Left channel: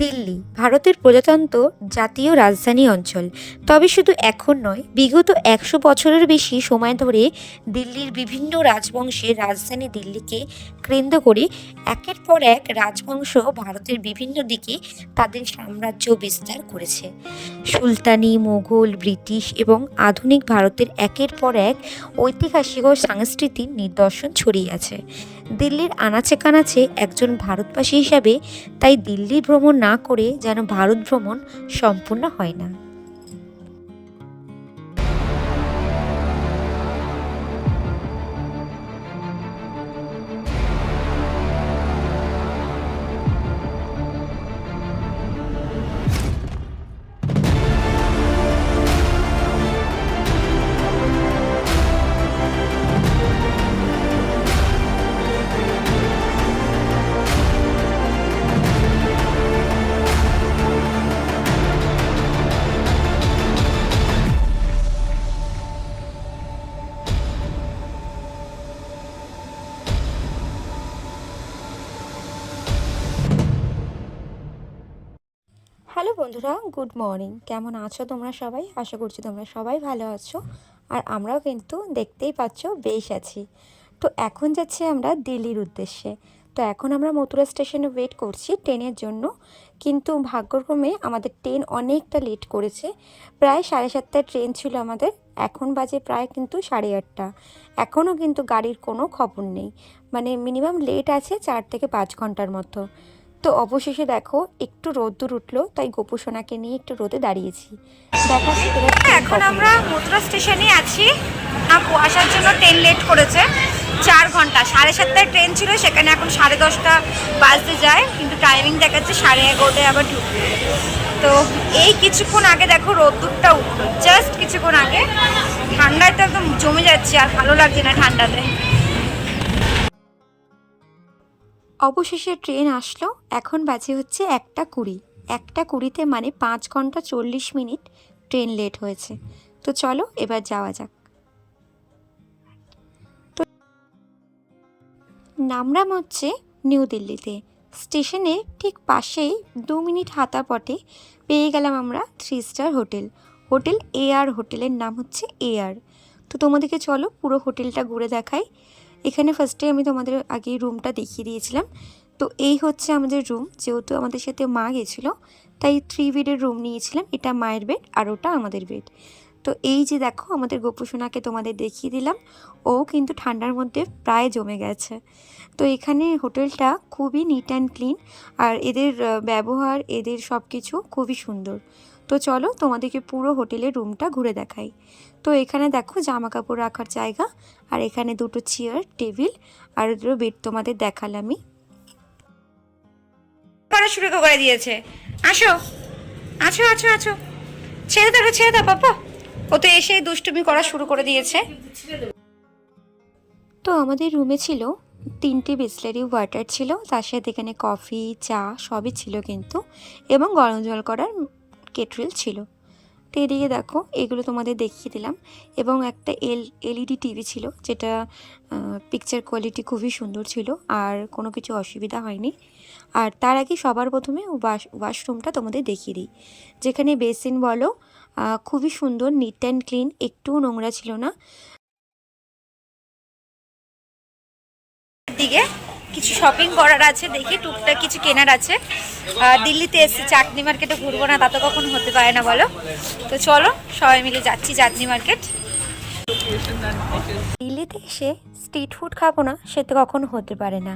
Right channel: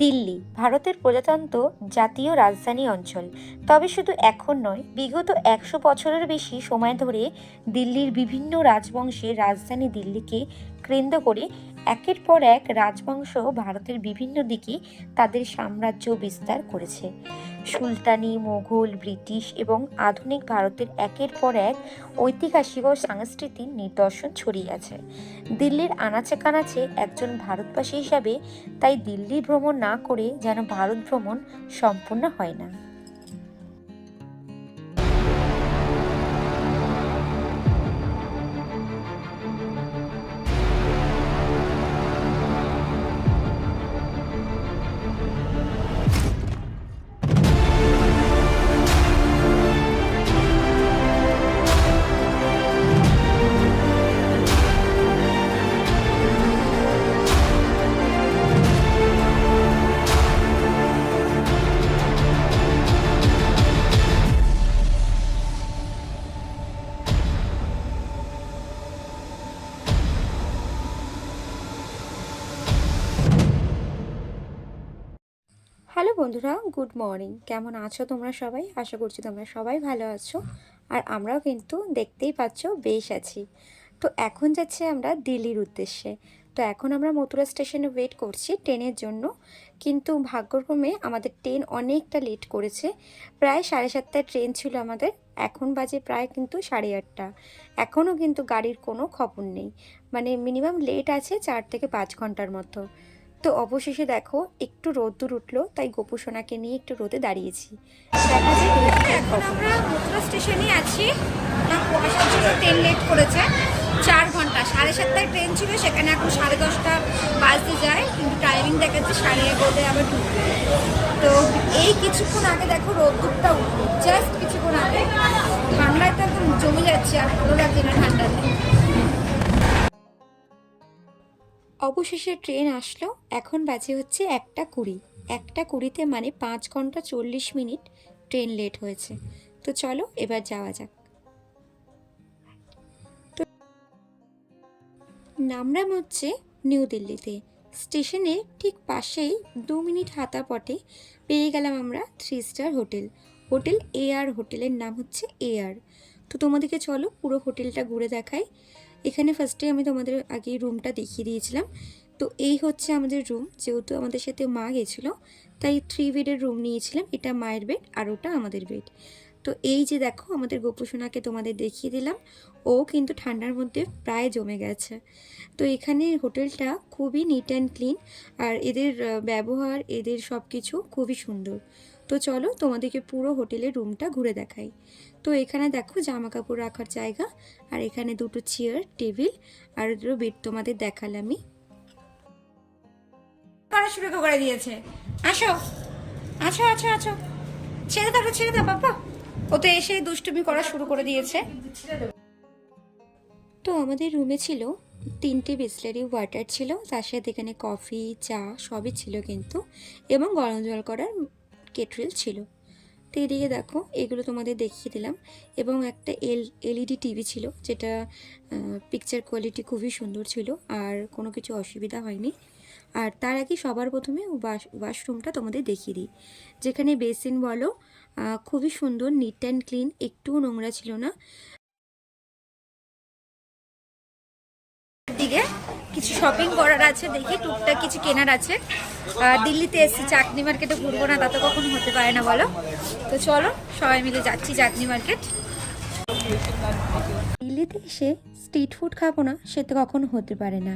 দিল্লি ভারতের প্রজাতন্ত্র জাতীয় রাজধানী অঞ্চল। তবে শুধু এখন নয়, বিগত 100 বছরের বেশি সময় ধরে দিল্লির বিভিন্ন রাজবংশের রাজধানী দিল্লিকে কেন্দ্র করে একের পর এক রাজবংশ ভারতের বিভিন্ন দিকে তাদের সাম্রাজ্য বিস্তার করেছে। সুলতানি, মুঘল, ব্রিটিশ এবং আধুনিক ভারতের একের পর এক ঐতিহাসিক ও সাংস্কৃতিক নিদর্শন ছড়িয়ে আছে দিল্লির আনাচে কানাচে। একজন ভারতবাসী হিসাবে তাই দিল্লি ভ্রমণ না করে যেন ভারত ভ্রমণ সম্পূর্ণ হয় না। হ্যালো বন্ধুরা, গুড মর্নিং। কেমন আছো তোমরা সবাই? আশা করছি তোমরা সবাই ভালো আছো। আর আমরাও কিন্তু দেখতেই পাচ্ছ বেশ আছি। তো এখন যাচ্ছি আমরা দিল্লির উদ্দেশ্যে। তো এখন আমরা মথুরা স্টেশনে ওয়েট করছি ট্রেনের জন্য, কিন্তু ভাগ্যক্রমে আমাদের ট্রেন অনেকটা লেট করেছে। প্রায় 7:30টায় ট্রেন ছিল আমাদের, এখন বাজে প্রায় কিন্তু 8:30। এখনও কিন্তু গাড়ির কোনো খবর নেই, মানে মিনিমাম লেট আছে 4 থেকে 5 ঘন্টার মতো। তো অবশেষে দেখো একটু রোদ্দুর উঠলো, তাই গোপুসোনাকে নিয়ে একটু রোদে দাঁড়িয়েছি। এখন আমরা মথুরা স্টেশনে আছি। কুয়াশার জন্য ট্রেন লেট করেছে 4 ঘন্টা। 7:30টায় ট্রেন ছিল, সেখানে এখন 10:30 বাজতে যায়, কিন্তু টাইমিং দেখাচ্ছে 11:30টায় আবার ঢুকবে। তো এই কিছুক্ষণ আগে দেখো রোদ্দুরটা উঠলো, জাস্ট কিছুক্ষণ আগে। ঠান্ডায় তো একদম জমে যাচ্ছে, আর ভালো লাগছে না ঠান্ডাতে। অবশেষে ট্রেন আসলো। এখন বাজে হচ্ছে 1:20। 1:20-তে মানে 5 ঘন্টা 40 মিনিট ট্রেন লেট হয়েছে। তো চলো এবার যাওয়া যাক। তো নামলাম হচ্ছে নিউ দিল্লিতে। স্টেশনের ঠিক পাশেই 2 মিনিট হাঁটা পথে পেয়ে গেলাম আমরা 3 স্টার হোটেল। হোটেল AR, হোটেলের নাম হচ্ছে AR। তো তোমাদেরকে চলো পুরো হোটেলটা ঘুরে দেখাই। এখানে ফার্স্টে আমি তোমাদের আগে রুমটা দেখিয়ে দিয়েছিলাম। তো এই হচ্ছে আমাদের রুম। যেহেতু আমাদের সাথে মা গেছিলো, তাই 3 বেডের রুম নিয়েছিলাম। এটা মায়ের বেড আর ওটা আমাদের বেড। তো এই যে দেখো আমাদের গোপুসোনাকে তোমাদের দেখিয়ে দিলাম, ও কিন্তু ঠান্ডার মধ্যে প্রায় জমে গেছে। তো এখানে হোটেলটা খুবই নিট অ্যান্ড ক্লিন, আর এদের ব্যবহার, এদের সব কিছু খুবই সুন্দর। তো চলো তোমাদেরকে পুরো হোটেলের রুমটা ঘুরে দেখাই। তো এখানে দেখো জামা কাপড় রাখার জায়গা, আর এখানে 2টো চেয়ার, টেবিল আর 2টো বেড তোমাদের দেখালামই। করা শুরু করে দিয়েছে। আসো আছো আছো আছো, ছেড়ে দাও ছেড়ে দাও বাবা। ও তো এসে দুষ্টুমি করা শুরু করে দিয়েছে। তো আমাদের রুমে ছিল 3টে বিসলারি ওয়াটার ছিল, তার সাথে এখানে কফি, চা সবই ছিল কিন্তু, এবং গরম জল করার কেটল ছিল। তো এদিকে দেখো এগুলো তোমাদের দেখিয়ে দিলাম। এবং একটা LED টিভি ছিল, যেটা পিকচার কোয়ালিটি খুবই সুন্দর ছিল, আর কোনো কিছু অসুবিধা হয়নি। আর তার আগে সবার প্রথমে ওয়াশরুমটা তোমাদের দেখিয়ে দিই, যেখানে বেসিন বলো খুবই সুন্দর, নিট অ্যান্ড ক্লিন, একটুও নোংরা ছিল না। দিকে কিছু শপিং করার আছে, দেখি টুকটাক কিছু কেনার আছে। দিল্লিতে এসে চাটনি মার্কেটে ঘুরবো না, তা তো কখনো হতে পারে না বলো। তো চলো সবাই মিলে যাচ্ছি চাটনি মার্কেট। দিল্লিতে এসে স্ট্রিট ফুড খাবো না, সে তো কখনো হতে পারে না।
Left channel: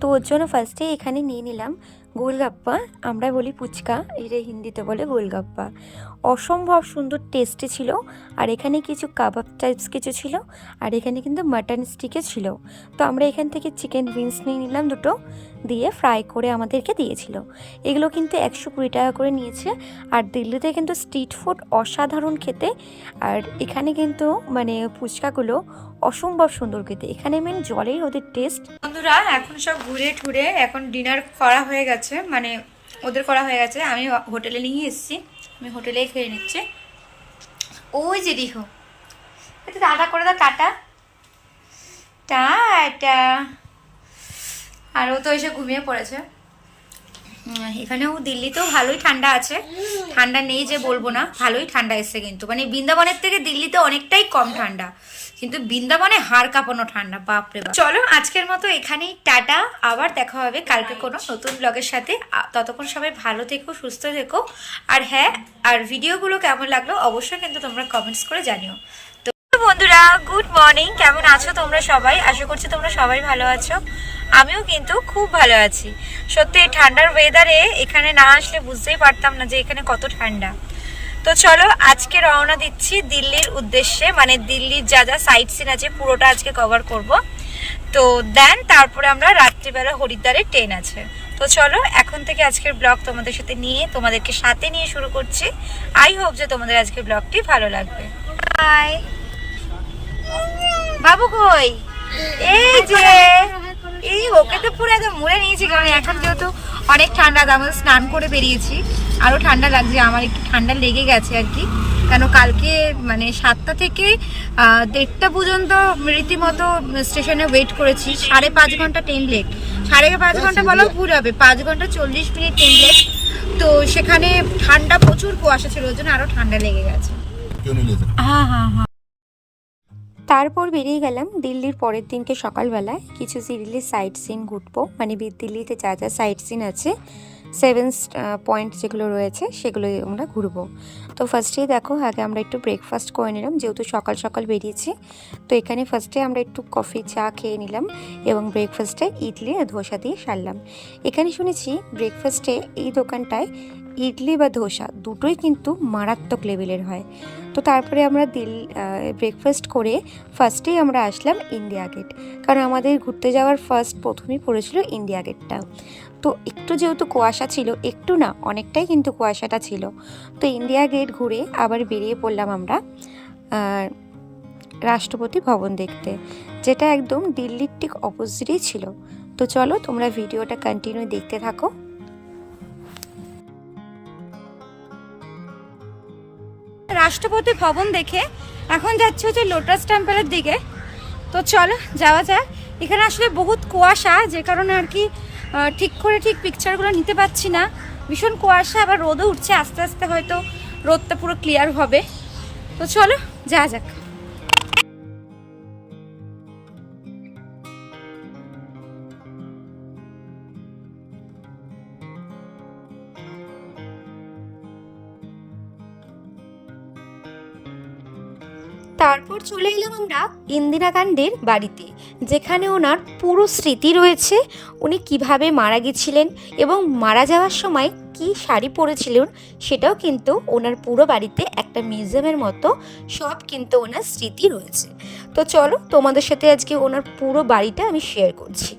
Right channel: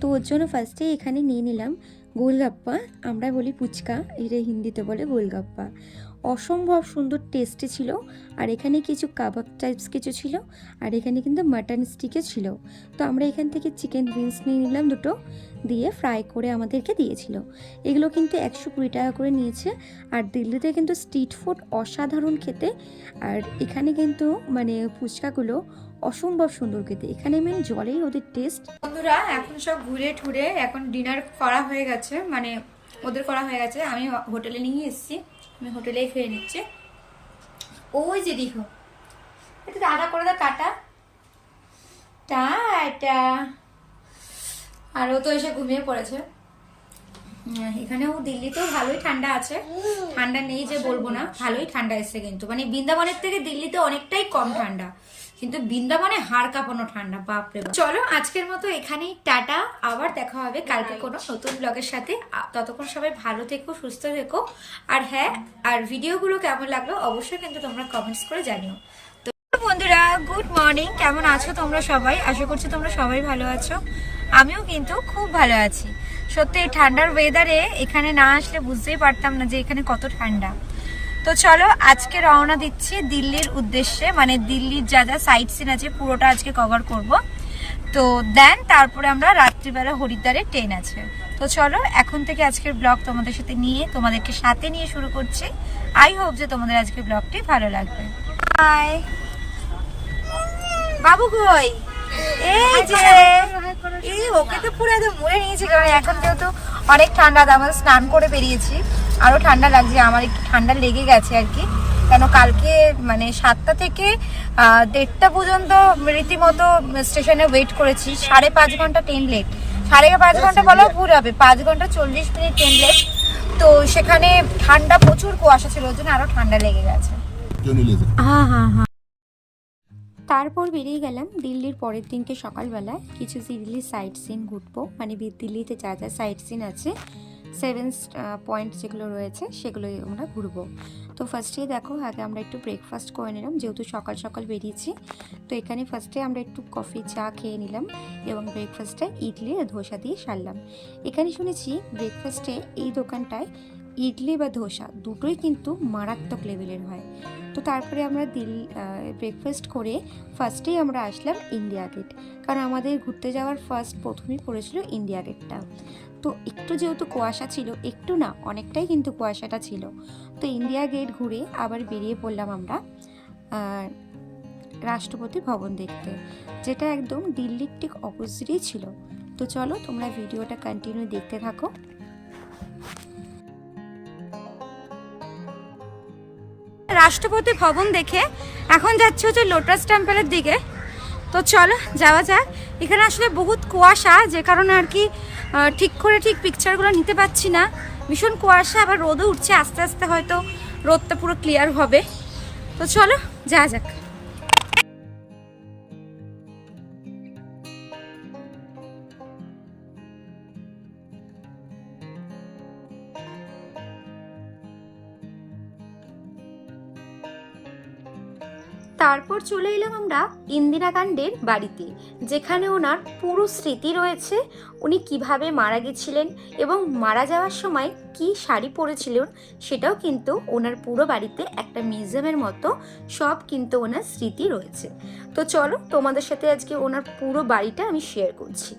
তো ওর জন্য ফার্স্টে এখানে নিয়ে নিলাম গোলগাপ্পা। আমরা বলি ফুচকা, এটা হিন্দিতে বলে গোলগাপ্পা। অসম্ভব সুন্দর টেস্টি ছিল। আর এখানে কিছু কাবাব টাইপস কিছু ছিল, আর এখানে কিন্তু মাটন স্টিকে ছিল। তো আমরা এখান থেকে চিকেন উইংস নিয়ে নিলাম 2টো, দিয়ে ফ্রাই করে আমাদেরকে দিয়েছিল। এগুলো কিন্তু 120 টাকা করে নিয়েছে। আর দিল্লিতে কিন্তু স্ট্রিট ফুড অসাধারণ খেতে। আর এখানে কিন্তু মানে ফুচকাগুলো অসম্ভব সুন্দর খেতে। এখানে মেন জলেই ওদের টেস্ট। বন্ধুরা এখন সব ঘুরে ঠুরে এখন ডিনার করা হয়ে গেছে, মানে ওদের করা হয়ে গেছে, আমি হোটেলে নিয়ে এসেছি। আমি হোটেলেই খেয়ে নিচ্ছি। ওই যে দেখো, একটু টাটা করে দাও, টাটা টাটা। আর ও তো এসে ঘুমিয়ে পড়েছে। এখানেও দিল্লিতেও ভালোই ঠান্ডা আছে, ঠান্ডা নেই যে বলবো না, ভালোই ঠান্ডা এসছে কিন্তু মানে বৃন্দাবনের থেকে দিল্লিতে অনেকটাই কম ঠান্ডা, কিন্তু বৃন্দাবনে হাড় কাঁপানো ঠান্ডা, বাপরে বাপ। চলো আজকের মতো এখানেই টাটা, আবার দেখা হবে কালকে কোনো নতুন ব্লগের সাথে। ততক্ষণ সবাই ভালো থেকো, সুস্থ থেকো। আর হ্যাঁ, আর ভিডিওগুলো কেমন লাগলো অবশ্যই কিন্তু তোমরা কমেন্টস করে জানিও। বন্ধুরা গুড মর্নিং, কেমন আছো তোমরা সবাই? আশা করছি তোমরা সবাই ভালো আছো, আমিও কিন্তু খুব ভালো আছি। সত্যি এই ঠান্ডার ওয়েদারে এখানে না আসলে বুঝতেই পারতাম না যে এখানে কত ঠান্ডা। তো চলো আজকে রওনা দিচ্ছি দিল্লির উদ্দেশ্যে, মানে দিল্লির যা যা সাইট সিন আছে পুরোটা আজকে কভার করব। তো দেন তারপরে আমরা রাত্রিবেলা হরিদ্বারে ট্রেন আছে। তো চলো এখন থেকে আজকের ব্লগ তোমাদেরকে সাথে নিয়ে শুরু করছি। আই হোপ যে তোমাদের আজকের ব্লগটি ভালো লাগবে। বাই। বাবু কই? এই যে এই ওকে তো পুরো একদম মুড়ে নিয়েছি, কারণ এখন যেহেতু অনেক ঠান্ডা, আমাদের স্নান করে বেরিয়েছি, আরো ঠান্ডা লাগছে, আমার একটু ঠান্ডা লেগে গেছে আর কি। কেন কালকে মানে 7টা থেকে 1:30টা পর্যন্ত রীতিমতো স্টেশনে ওয়েট করেছি, 5.5 ঘন্টা ট্রেন লেট, 5.5 ঘন্টা বলাও ভুল হবে, 5 ঘন্টা 40 মিনিট ট্রেন লেট। তো সেখানে ঠান্ডা, প্রচুর কুয়াশা ছিল, ওই জন্য আরো ঠান্ডা লেগে গেছে। হ্যাঁ হ্যাঁ হ্যাঁ। তারপর বেরিয়ে গেলাম দিল্লির পরের দিনকে সকালবেলায় কিছু দিল্লির সাইট সিন ঘুরবো, মানে দিল্লিতে যা যা সাইট সিন আছে, 7 পয়েন্ট যেগুলো রয়েছে সেগুলো আমরা ঘুরবো। তো ফার্স্টেই দেখো আগে আমরা একটু ব্রেকফাস্ট করে নিলাম, যেহেতু সকাল সকাল বেরিয়েছি। তো এখানে ফার্স্টে আমরা একটু কফি চা খেয়ে নিলাম এবং ব্রেকফাস্টে ইডলি আর ধোসা দিয়ে সারলাম। এখানে শুনেছি ব্রেকফাস্টে এই দোকানটায় ইডলি বা ধোসা দুটোই কিন্তু মারাত্মক লেভেলের হয়। তো তারপরে আমরা ব্রেকফাস্ট করে ফার্স্টেই আমরা আসলাম ইন্ডিয়া গেট, কারণ আমাদের ঘুরতে যাওয়ার প্রথমেই পড়েছিল ইন্ডিয়া গেটটা। তো একটু যেহেতু কুয়াশা ছিল, একটু না অনেকটাই কিন্তু কুয়াশাটা ছিল, তো ইন্ডিয়া গেট ঘুরে আবার বেরিয়ে পড়লাম আমরা রাষ্ট্রপতি ভবন দেখতে, যেটা একদম দিল্লির ঠিক অপোজিটেই ছিল। তো চলো তোমরা ভিডিওটা কন্টিনিউ দেখতে থাকো। রাষ্ট্রপতি ভবন দেখে এখন যাচ্ছে হচ্ছে লোটাস টেম্পলের দিকে। তো চলো যাওয়া যাক। এখানে আসলে বহুত কুয়াশা, যে কারণে আর কি ঠিক পিকচারগুলো নিতে পারছি না, ভীষণ কুয়াশা, আবার রোদও উঠছে, আস্তে আস্তে হয়তো রোদটা পুরো ক্লিয়ার হবে। তো চলো যাওয়া যাক। তারপর চলে এলাম আমরা ইন্দিরা গান্ধীর বাড়িতে, যেখানে ওনার পুরো স্মৃতি রয়েছে, উনি কিভাবে মারা গেছিলেন এবং মারা যাওয়ার সময় কি শাড়ি পরেছিলেন সেটাও কিন্তু ওনার পুরো বাড়িতে একটা মিউজিয়ামের মতো সব কিন্তু ওনার স্মৃতি রয়েছে। তো চলো তোমাদের সাথে আজকে ওনার পুরো বাড়িটা আমি শেয়ার করছি।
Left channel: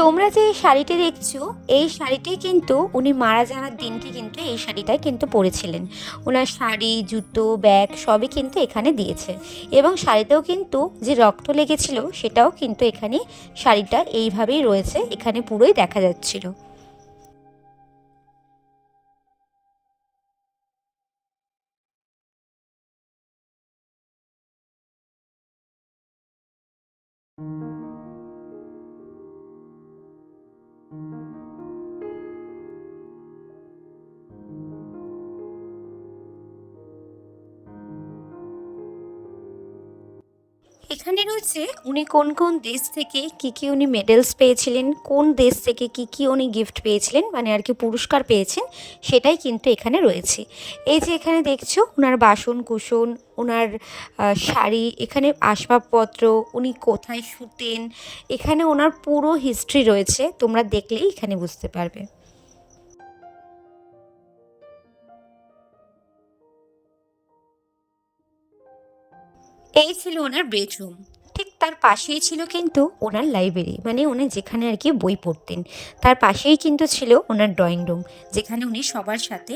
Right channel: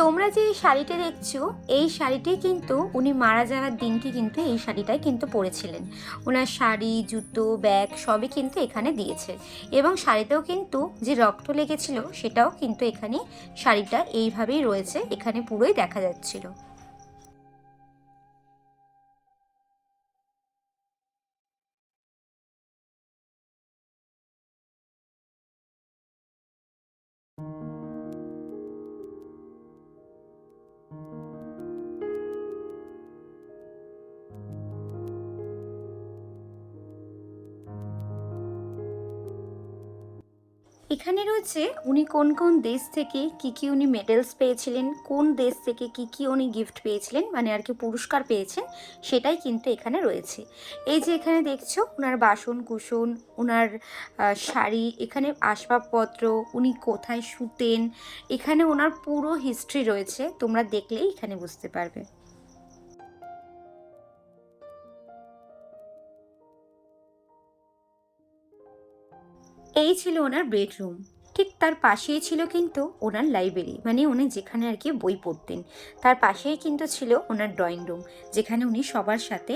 তোমরা যে শাড়িটি দেখছো, এই শাড়িটি কিন্তু উনি মারা যাওয়ার দিনকে কিন্তু এই শাড়িটাই কিন্তু পরেছিলেন। ওনার শাড়ি, জুতো, ব্যাগ সবই কিন্তু এখানে দিয়েছে, এবং শাড়িতেও কিন্তু যে রক্ত লেগেছিল সেটাও কিন্তু এখানে শাড়িটা এইভাবেই রয়েছে, এখানে পুরোই দেখা যাচ্ছিল। এখানে রয়েছে উনি কোন কোন দেশ থেকে কি উনি মেডেলস পেয়েছিলেন, কোন দেশ থেকে কি উনি গিফট পেয়েছিলেন, মানে আর কি পুরস্কার পেয়েছেন, সেটাই কিন্তু এখানে রয়েছে। এই যে এখানে দেখছো ওনার বাসন কুসন, ওনার শাড়ি, এখানে আসবাবপত্র, উনি কোথায় শুতেন, এখানে ওনার পুরো হিস্ট্রি রয়েছে, তোমরা দেখলেই এখানে বুঝতে পারবে। এই ছিল ওনার বেডরুম। ঠিক তার পাশেই ছিল কিন্তু ওনার লাইব্রেরি, মানে উনি যেখানে আর কি বই পড়তেন। তার পাশেই কিন্তু ছিল ওনার ড্রয়িং রুম, যেখানে উনি সবার সাথে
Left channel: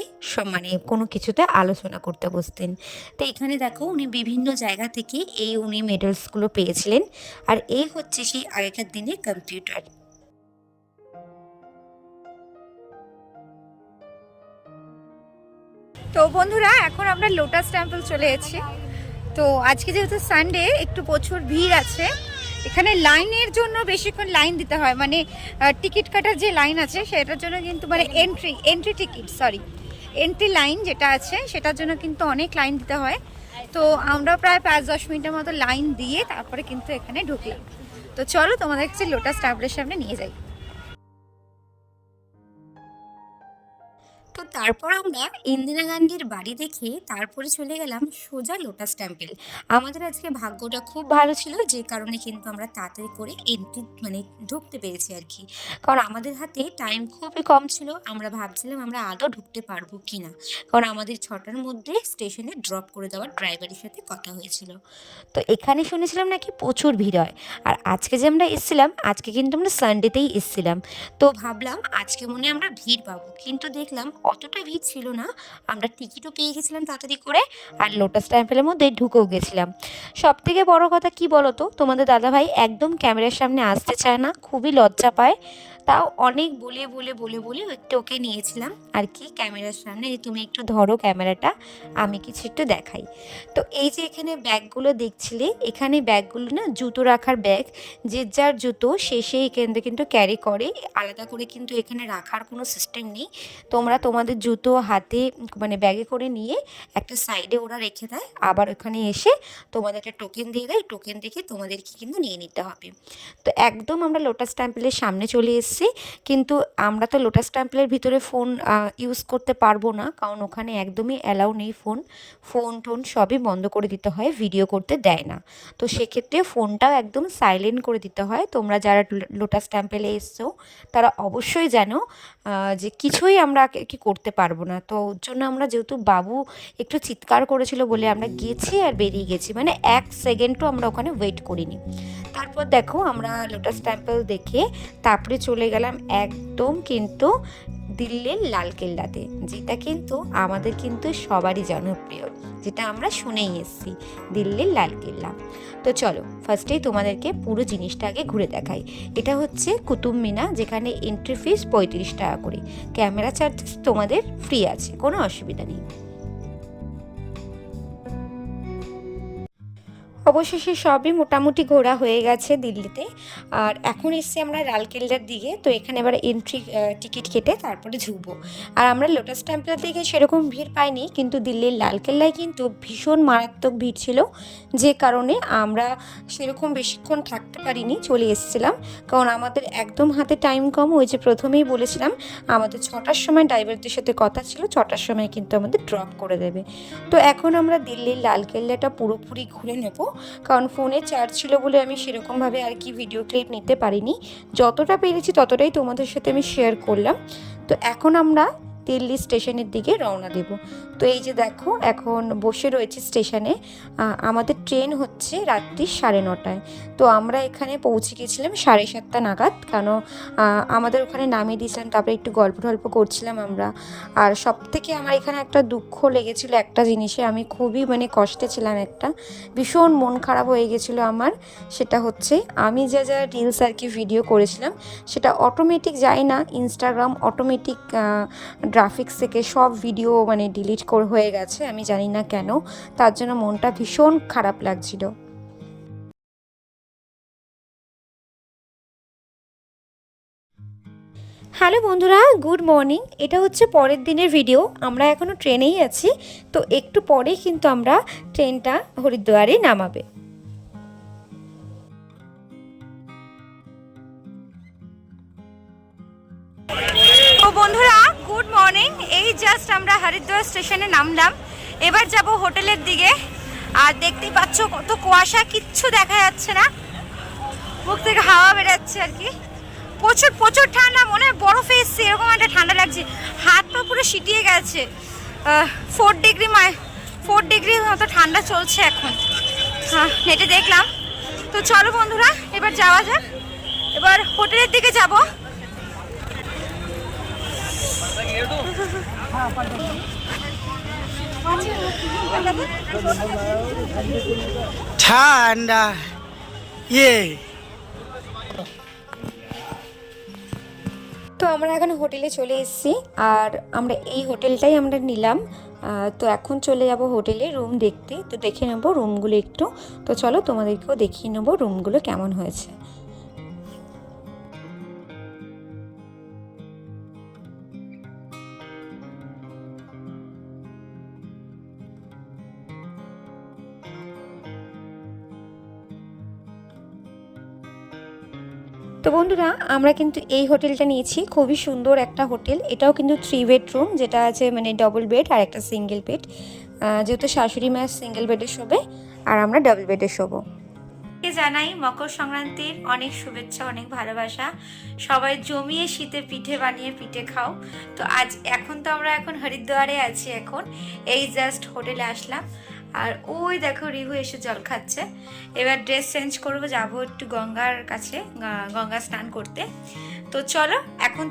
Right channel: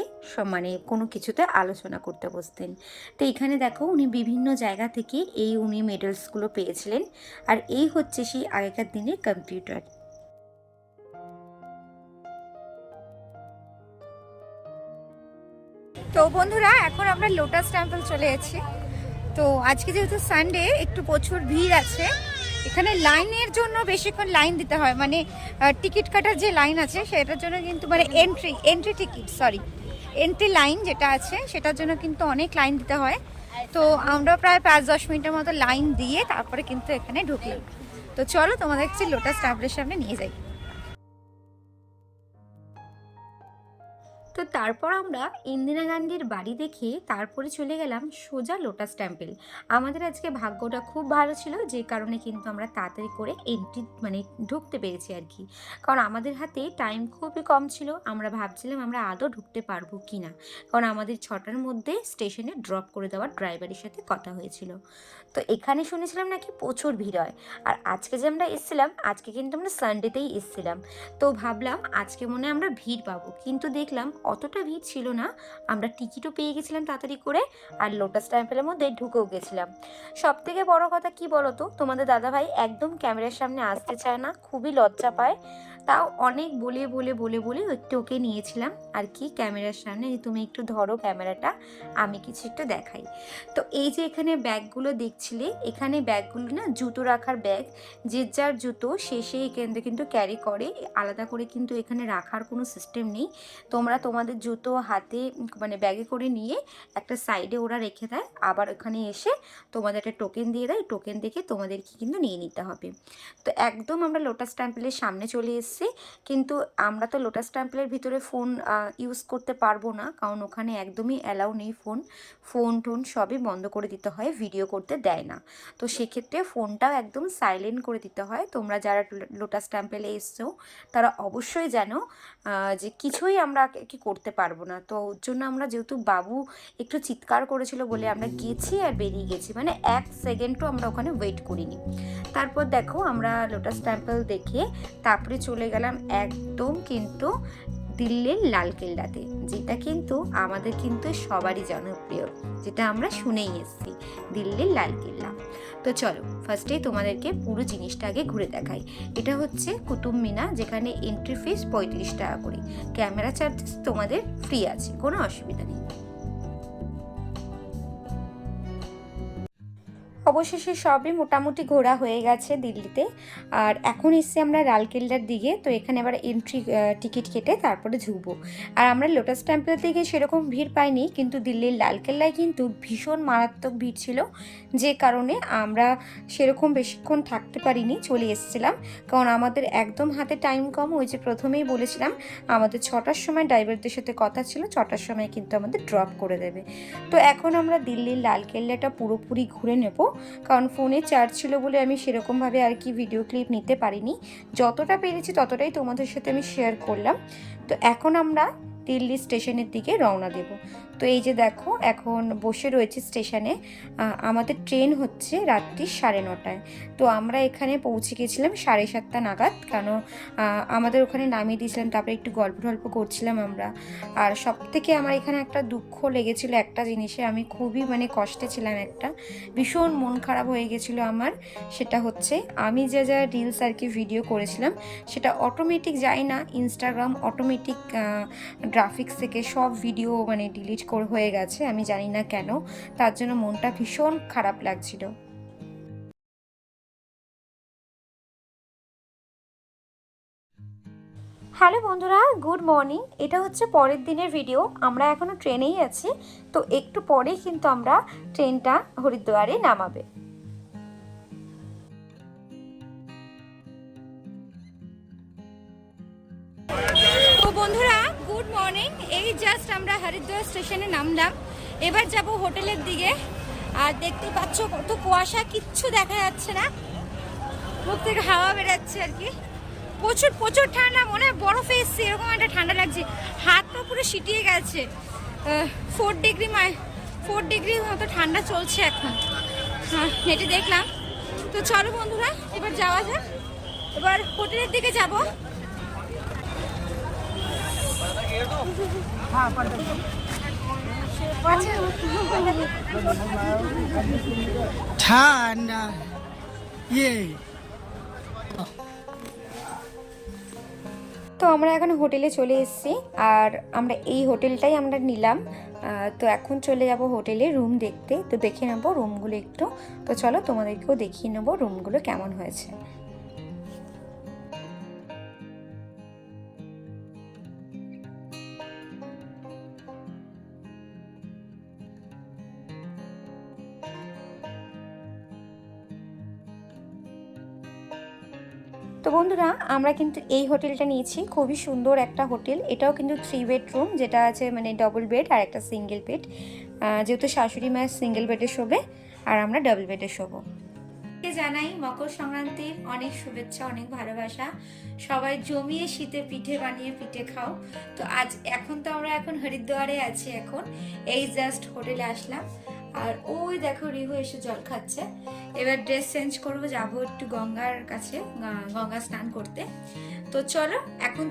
মানে কোনো কিছুতে আলোচনা করতে বসতেন। তো এখানে দেখো উনি বিভিন্ন জায়গা থেকে উনি মেডেলসগুলো পেয়েছিলেন। আর এই হচ্ছে সেই আগেকার দিনের কম্পিউটার। তো বন্ধুরা, এখন আমরা লোটাস টেম্পল চলে এসেছি। তো আজকে যেহেতু সানডে, একটু প্রচুর ভিড় আছে এখানে। লাইনের জন্য বেশিক্ষণ লাইন দিতে হয়, মানে টিকিট কাটার যে লাইন আছে সেটার জন্য কিন্তু, মানে এন্ট্রি লাইন যেটা আছে সেটার জন্য কিন্তু অনেক লাইন দিতে হয়। তো আমরা প্রায় 5-10 মিনিটের মতো লাইন দিয়ে তারপরে কিন্তু এখানে ঢুকলাম। তো চলো তোমাদের কাছে লোটাস টেম্পলের সামনে নিয়ে যাই। তো তারপর আমরা ইন্দিরা গান্ধীর বাড়ি দেখে তারপরে চলে গেলাম সোজা লোটাস টেম্পল। আমাদের আজকে ভাগ্যটা খুব ভালো ছিল, যে কারণে কিন্তু আমরা তাড়াতাড়ি করে এন্ট্রি মানে ঢুকতে পেরেছি আর কি। কারণ আমাদের হাতে টাইম খুবই কম ছিল, আমরা ভাবছিলাম আমরা আদৌ ঢুকতে পারবো কি না, কারণ আমাদের 6টার মধ্যে স্টেশনে ড্রপ করে দেওয়ার ড্রাইভারের সাথে কথা হয়েছিল। তো এখানে শুনেছিলাম নাকি প্রচুর ভিড় হয়। আর আজকে যে আমরা এসেছিলাম, আজকে কিন্তু আমরা সানডেতেই এসেছিলাম। তো ভাবলাম আজকে মনে হয় আমরা ভিড় পাবো, কিন্তু দেখলাম অতটা ভিড় ছিল না। আমরা টিকিটও পেয়ে গেছিলাম তাড়াতাড়ি করে, আর লোটাস টেম্পলের মধ্যে ঢুকেও গেছিলাম। সব থেকে বড় কথা কি বলো তো, তোমাদের দাদাভাই একদম ক্যামেরার সামনে আসতে চায় না, খুবই লজ্জা পায়। তাও অনেক বলে বলে বলে বলে একটু ওকে নিয়েছিলাম আর কি ক্যামেরার সামনে, যে তুমি একটু ধরো ক্যামেরাটা, আমি কিছু একটু দেখাই। তো এই যে এখানে ব্যাগগুলো দেখছিলে, এখানে ব্যাগগুলো না জুতো রাখার ব্যাগ, যে যার জুতো সে এখান থেকে কিন্তু ক্যারি করে, আলাদা করে কিন্তু এখানে রাখার কোনো সিস্টেম নেই। তোমরা তোমাদের জুতো হাতে মানে ব্যাগে করে নিয়ে একটা সাইডে ওরা রেখে দেয়, আবার ওখানে এসে তোমাদের একটা টোকেন দিয়ে দেয়, টোকেন দেখে তোমাদেরকে কিন্তু নিয়ে নিতে হবে। তো একদম আমরা লোটাস টেম্পলের সামনে চলে এসেছি, কিন্তু আমরা তো লোটাস টেম্পলের ভিতরে ফোন ইউজ করতে পারবো না, কারণ ওখানে একদমই অ্যালাউ নেই ফোন টোন সবই বন্ধ করে দিতে হয়, ভিডিও করতে দেয় না। তো সেক্ষেত্রে ফোনটাও একদম সাইলেন্ট করে দিতে হয়। তোমরা যারা লোটাস টেম্পলে এসছো তারা অবশ্যই জানো যে কিছুই আমরা কি করতে পারবো না। তো ওর জন্য আমরা, যেহেতু বাবু একটু চিৎকার করেছিল বলে আমরা গেছি আর বেরিয়ে গেছি, মানে 1 সেকেন্ডও আমরা ওখানে ওয়েট করিনি। তারপর দেখো আমরা লোটাস টেম্পল দেখে তারপরে চলে গেলাম একদম কিন্তু দিল্লির লালকেল্লাতে, যেটা কিন্তু আমাদের কিন্তু সবারই জনপ্রিয়, যেটা আমরা শুনেই এসেছি, দিল্লির লালকেল্লা। তো চলো ফার্স্টেই তোমাদেরকে পুরো জিনিসটা আগে ঘুরে দেখাই। এটা হচ্ছে কুতুব মিনার, যেখানে এন্ট্রি ফিস 35 টাকা করে, ক্যামেরা চার্জেস তোমাদের ফ্রি আছে, কোনো অসুবিধা নেই। অবশেষে সবই মোটামুটি ঘোরা হয়ে গেছে দিল্লিতে। আর এখন এসছি আমরা লালকেল্লার দিকে। তো এখানে এবার এন্ট্রি টিকিট কেটে তারপরে ঢুকবো। আর আমরা লোটাস টেম্পলের দিকে সেরকম ভিড় পাইনি, কিন্তু দিল্লির লালকেল্লায় কিন্তু ভীষণ মারাত্মক ভিড় ছিল, যে কারণে আমরা সেরকম বেশিক্ষণ থাকতে পারিনি, চলে এসেছিলাম। কারণ আমাদের একদম হাতে টাইম কম, ওই যে প্রথমেই বলেছিলাম আমাদের 6টার সময় ড্রাইভারদের সাথে কথা ছিল, 6টার সময় কিন্তু আমাদের ড্রপ করে দেবে। তো এখন আমরা দিল্লির লালকেল্লাটা পুরোপুরি ঘুরে নেব, কারণ ফোনে চার্জ ছিল বলে আমি সেরকমভাবে আর কি ভিডিও ক্লিপ নিতে পারিনি। যতটা পেরেছি ততটাই তোমাদের সাথে আমি শেয়ার করলাম। তো এখন আমরা দিল্লি স্টেশনের দিকে রওনা দেব। তো এই যে দেখো এখন বসে রয়েছি স্টেশনে। আমাদের ট্রেন হচ্ছে রাত্রি 9:30টায়। তো আমরা এখানে পৌঁছে গেছিলাম 7:30 নাগাদ, কারণ আমাদের ওখানে নামিয়ে দিয়েছিলাম, তারপরে একটু গল্প করছিলাম আমরা। আর সব থেকে আমার এখানে একটা দুঃখ লেগেছিলো একটা জিনিসে, আমি খুবই মানে কষ্টে ছিলাম, একটা ভীষণ মন খারাপ হয়ে গেছিলো আমার। সেটা হচ্ছে আমি যা রিলস আর কি ভিডিও করেছিলাম, সেটা অটোমেটিক যায় না, ইনস্টাগ্রাম অটোমেটিক গ্রাফিক্স থেকে সব ভিডিও মানে ডিলিট হয়ে গেছে, আমি জানি না কেন। তার জন্য মনটা ভীষণ খারাপ লাগছিল। হ্যালো বন্ধুরা, গুড মর্নিং। এটা হচ্ছে পরের দিনের ভিডিও। আমরা এখনো ট্রেনেই আছি, তো একটু পরেই কিন্তু আমরা ট্রেনটা হরিদ্বারে নামাবে। তো বন্ধুরা, গুড মর্নিং। এই জাস্ট আমরা হরিদ্বার স্টেশনে নামলাম, এবার যাব হোটেলের দিকে। আর দেখতেই পাচ্ছ কত কুয়াশা, কিচ্ছু দেখা যাচ্ছে না, মুখ থেকে হাওয়া বেরাচ্ছে আর কি। প্রচুর প্রচুর ঠান্ডা, মনে হয় বরফে এসছে এরকম একটা ঠান্ডা লাগছে, হাত পা পুরো সিটিয়ে গেছে। 4 ডিগ্রি মতো ঠান্ডা চলছে এখন। হ্যাঁ, নেটে দেখলাম তো চলো বন্ধুরা এবার যাওয়া যাক, এবার হোটেলের দিকে যাব। ঠান্ডা তো আমরা এখন হোটেলে চলে এসেছি, আর আমরা এই হোটেলটাই আমরা নিলাম। তো এখন চলে যাব হোটেলে রুম দেখতে। তো দেখে নেব রুমগুলো একটু। তো চলো তোমাদেরকেও দেখিয়ে নেব রুমগুলো কেমন হয়েছে। তো বন্ধুরা আমরা কিন্তু এই হোটেলটা নিয়েছি, খুবই সুন্দর একটা হোটেল। এটাও কিন্তু 3 বেডরুম, যেটা আছে মানে ডবল বেড আর একটা সিঙ্গেল বেড। যেহেতু শাশুড়ি মায়ের সিঙ্গেল বেডে শোবে আর আমরা ডাবল বেডে শোবো। জানাই মকর সংক্রান্তির অনেক শুভেচ্ছা, অনেক ভালোবাসা। সবাই জমিয়ে শীতে পিঠে বানিয়ে পিঠে খাও। তো এখন তো আমরা হরিদ্বারে আছি, এখন এই জাস্ট হোটেলে আসলাম। আর ওই দেখো রিহু এসে জল খাচ্ছে। এবার ড্রেস চেঞ্জ করবো, যাবো একটু গঙ্গার কাছে, গঙ্গা স্নান করতে। তো চলো এখন